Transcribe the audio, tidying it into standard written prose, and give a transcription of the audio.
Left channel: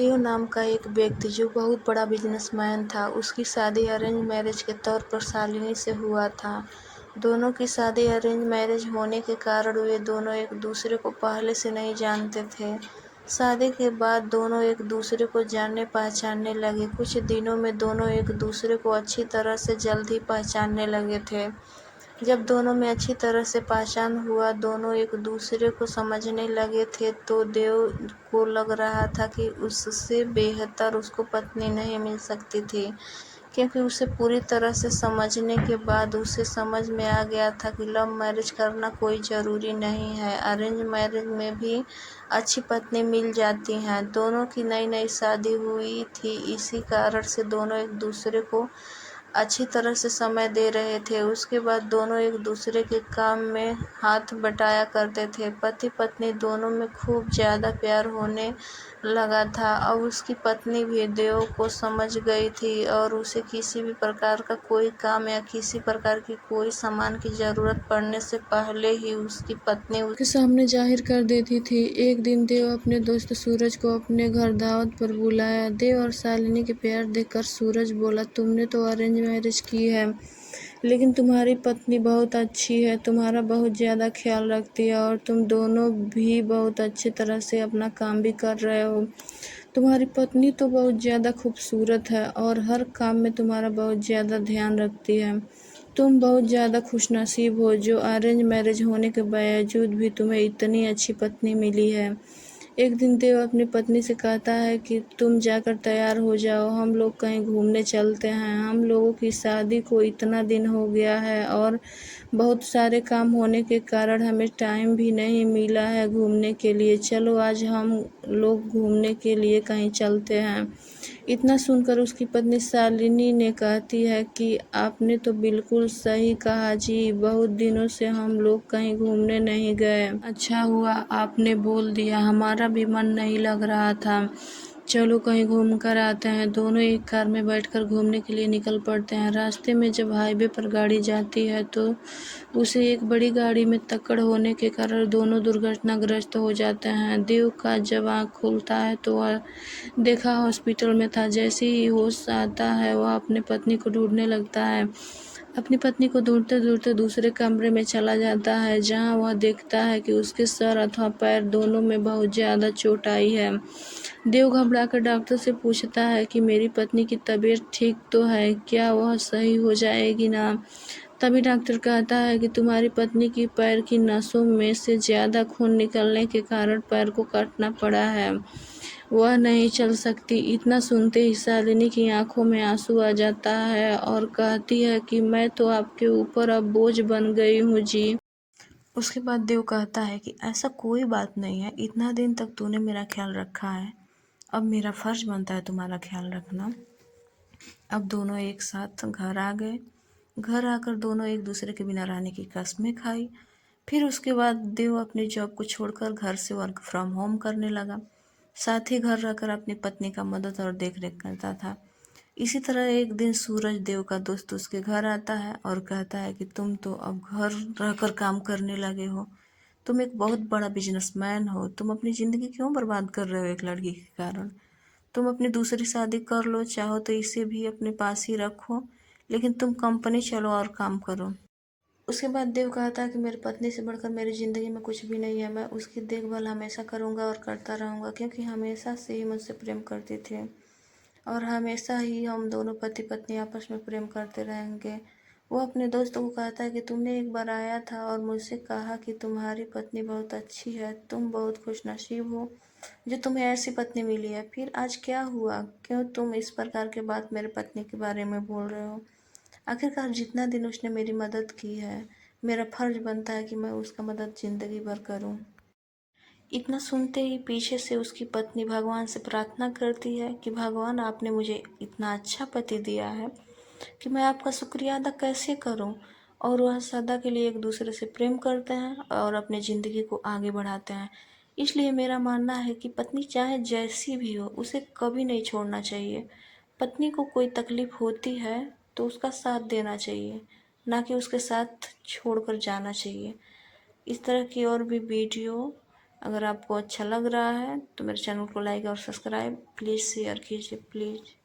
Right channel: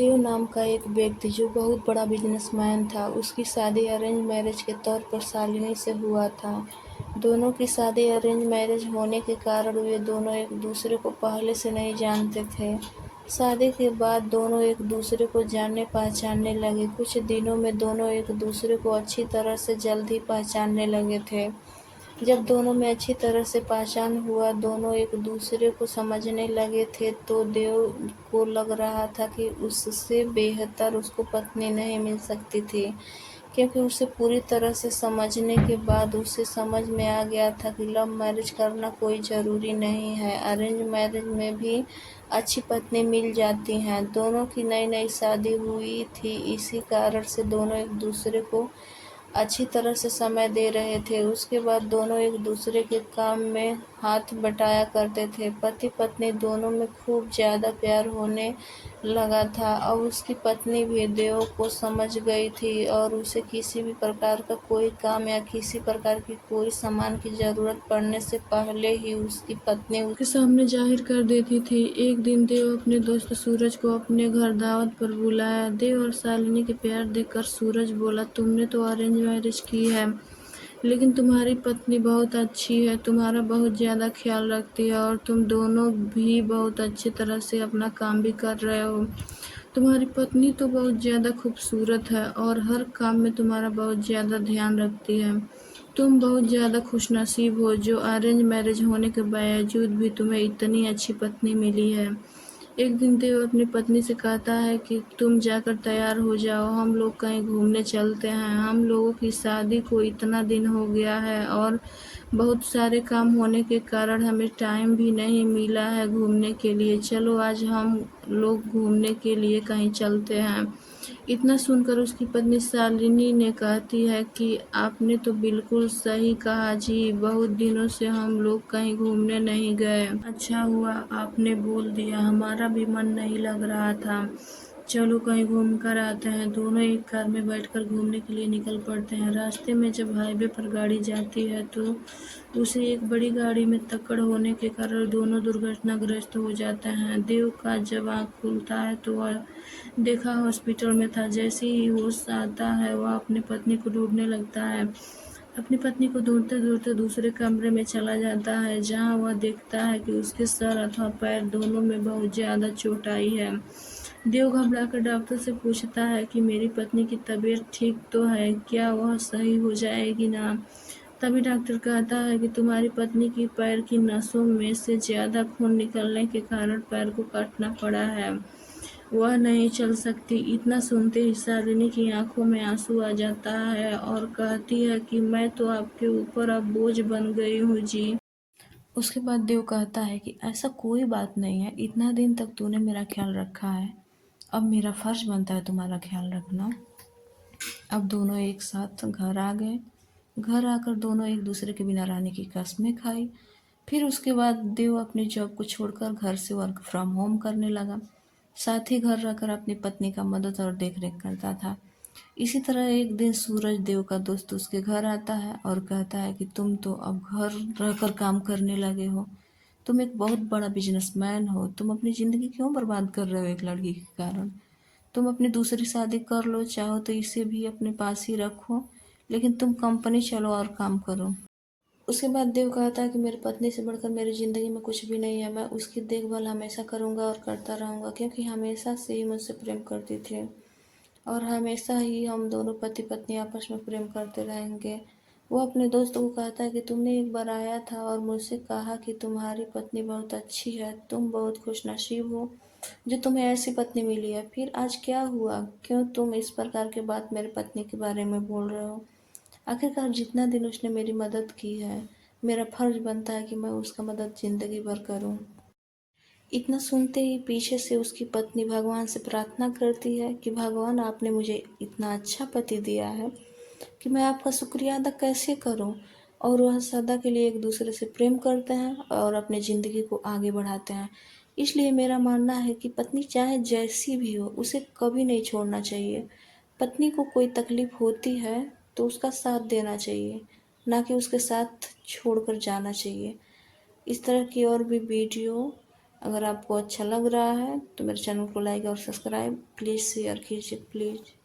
देव नाम का एक व्यक्ति जो बहुत बड़ा बिजनेसमैन था, उसकी शादी अरेंज मैरिज के तौर पर शालिनी से हुआ था। दोनों की शादी अरेंज मैरिज होने के कारण वे दोनों एक दूसरे को पहले से नहीं जानते थे। शादी के बाद दोनों एक दूसरे को जानने पहचानने लगे। कुछ दिनों में दोनों एक दूसरे को अच्छी तरह से जल्द ही पहचानने लगे थे। जब दोनों में अच्छी तरह से पहचान हुआ, दोनों एक दूसरे को समझने लगे थे, तो देव को लग रहा था कि उससे बेहतर उसको पत्नी नहीं मिल सकती थी, क्योंकि उसे पूरी तरह से समझने के बाद उसे समझ में आ गया था कि लव मैरिज करना कोई ज़रूरी नहीं है, अरेंज मैरिज में भी अच्छी पत्नी मिल जाती हैं। दोनों की नई नई शादी हुई थी, इसी कारण से दोनों एक दूसरे को अच्छी तरह से समय दे रहे थे। उसके बाद दोनों एक दूसरे के काम में हाथ बटाया करते थे। पति पत्नी दोनों में खूब ज़्यादा प्यार होने लगा था। अब उसकी पत्नी भी देव को समझ गई थी और उसे किसी भी प्रकार का कोई काम या किसी प्रकार की कोई सामान की ज़रूरत पड़ने से पहले ही उसकी पत्नी उसके सामने जाहिर कर देती थी। एक दिन देव अपने दोस्त सूरज को अपने घर दावत पर बुलाया। देव और शालिनी के प्यार देखकर सूरज बोला, तुमने तो अरेंज मैरिज की है, लेकिन तुम्हारी पत्नी बहुत अच्छी है, तुम्हारा बहुत ज़्यादा ख्याल रखती है और तुम दोनों भी बहुत अच्छी तरह से अपना काम भी कर रहे हो। तुम्हारी पत्नी तो बहुत ज़्यादा खूबसूरत है और हर काम में तुम्हारा बहुत ज़्यादा ध्यान रखती है। तुम बहुत ज़्यादा खुशनसीब हो जो अरेंज मैरिज होने के बावजूद भी तुम्हें इतनी अच्छी पत्नी मिली है। एक दिन देव अपनी पत्नी से कहता है कि तुम जाकर तैयार हो जाओ, हम लोग कहीं घूमने चलते हैं। हम लोगों की शादी को इतना दिन हो गया है और बहुत सारे काम होने के कारण हमें टाइम भी नहीं मिला है घूमने के लिए। चलो आज हम लोग घूमने के लिए कहीं चलते हैं। इतना सुनकर उसकी पत्नी शालिनी ने कहती है कि आपने तो बिल्कुल सही कहा जी, बहुत दिनों से हम लोग कहीं घूमने नहीं गए। अच्छा हुआ आपने बोल दिया, हमारा भी मन नहीं लग रहा था। चलो कहीं घूम कर आते हैं। दोनों एक कार में बैठकर घूमने के लिए निकल पड़ते हैं। रास्ते में जब हाईवे पर गाड़ी जाती है तो उसे एक बड़ी गाड़ी में टक्कर होने के कारण दोनों दुर्घटनाग्रस्त हो जाते हैं। देव का जब आँख खुलता है तो वह देखा हॉस्पिटल में था। जैसे ही होश आता है वह अपनी पत्नी को ढूंढने लगता है। अपनी पत्नी को ढूंढते ढूंढते दूसरे कमरे में चला जाता है, जहां वह देखता है कि उसके सर अथवा पैर दोनों में बहुत ज़्यादा चोट आई है। देव घबराकर डॉक्टर से पूछता है कि मेरी पत्नी की तबीयत ठीक तो है, क्या वह सही हो जाएगी ना? तभी डॉक्टर कहता है कि तुम्हारी पत्नी की पैर की नसों में से ज़्यादा खून निकलने के कारण पैर को काटना पड़ा है, वह नहीं चल सकती। इतना सुनते ही शालिनी की आंखों में आंसू आ जाता है और कहती है कि मैं तो आपके ऊपर अब बोझ बन गई हूँ जी। उसके बाद देव कहता है कि ऐसा कोई बात नहीं है, इतना दिन तक तूने मेरा ख्याल रखा है, अब मेरा फर्ज बनता है तुम्हारा ख्याल रखना। अब दोनों एक साथ घर आ गए। घर आकर दोनों एक दूसरे के बिना रहने की कस्में खाई। फिर उसके बाद देव अपनी जॉब को छोड़कर घर से वर्क फ्रॉम होम करने लगा। साथ ही घर रहकर अपनी पत्नी का मदद और देखरेख करता था। इसी तरह एक दिन सूरज देव का दोस्त उसके घर आता है और कहता है कि तुम तो अब घर रहकर काम करने लगे हो, तुम एक बहुत बड़ा बिजनेसमैन हो, तुम अपनी ज़िंदगी क्यों बर्बाद कर रहे हो एक लड़की के कारण? तुम अपनी दूसरी शादी कर लो, चाहो तो इसे भी अपने पास ही रखो, लेकिन तुम कंपनी चलो और काम करो। उसके बाद देव कहता है कि मेरी पत्नी से बढ़कर मेरी ज़िंदगी में कुछ भी नहीं है, मैं उसकी देखभाल हमेशा करूँगा और करता रहूँगा, क्योंकि हमेशा से ही मुझसे प्रेम करती थी और हमेशा ही हम दोनों पति पत्नी आपस में प्रेम करते रहेंगे। वो अपने दोस्त को कहता है कि तुमने एक बार आया था और मुझसे कहा कि तुम्हारी पत्नी बहुत अच्छी है, तुम बहुत खुशनसीब हो जो तुम्हें ऐसी पत्नी मिली है। फिर आज क्या हुआ, क्यों तुम इस प्रकार की बात मेरी पत्नी के बारे में बोल रहे हो? आखिरकार जितना दिन उसने मेरी मदद की है, मेरा फर्ज बनता है कि मैं उसका मदद ज़िंदगी भर करूं। इतना सुनते ही पीछे से उसकी पत्नी भगवान से प्रार्थना करती है कि भगवान आपने मुझे इतना अच्छा पति दिया है कि मैं आपका शुक्रिया अदा कैसे करूं। और वह सदा के लिए एक दूसरे से प्रेम करते हैं और अपने ज़िंदगी को आगे बढ़ाते हैं। इसलिए मेरा मानना है कि पत्नी चाहे जैसी भी हो उसे कभी नहीं छोड़ना चाहिए। पत्नी को कोई तकलीफ होती है तो उसका साथ देना चाहिए, ना कि उसके साथ छोड़कर जाना चाहिए। इस तरह की और भी वीडियो अगर आपको अच्छा लग रहा है तो मेरे चैनल को लाइक और सब्सक्राइब प्लीज़ शेयर कीजिए प्लीज़।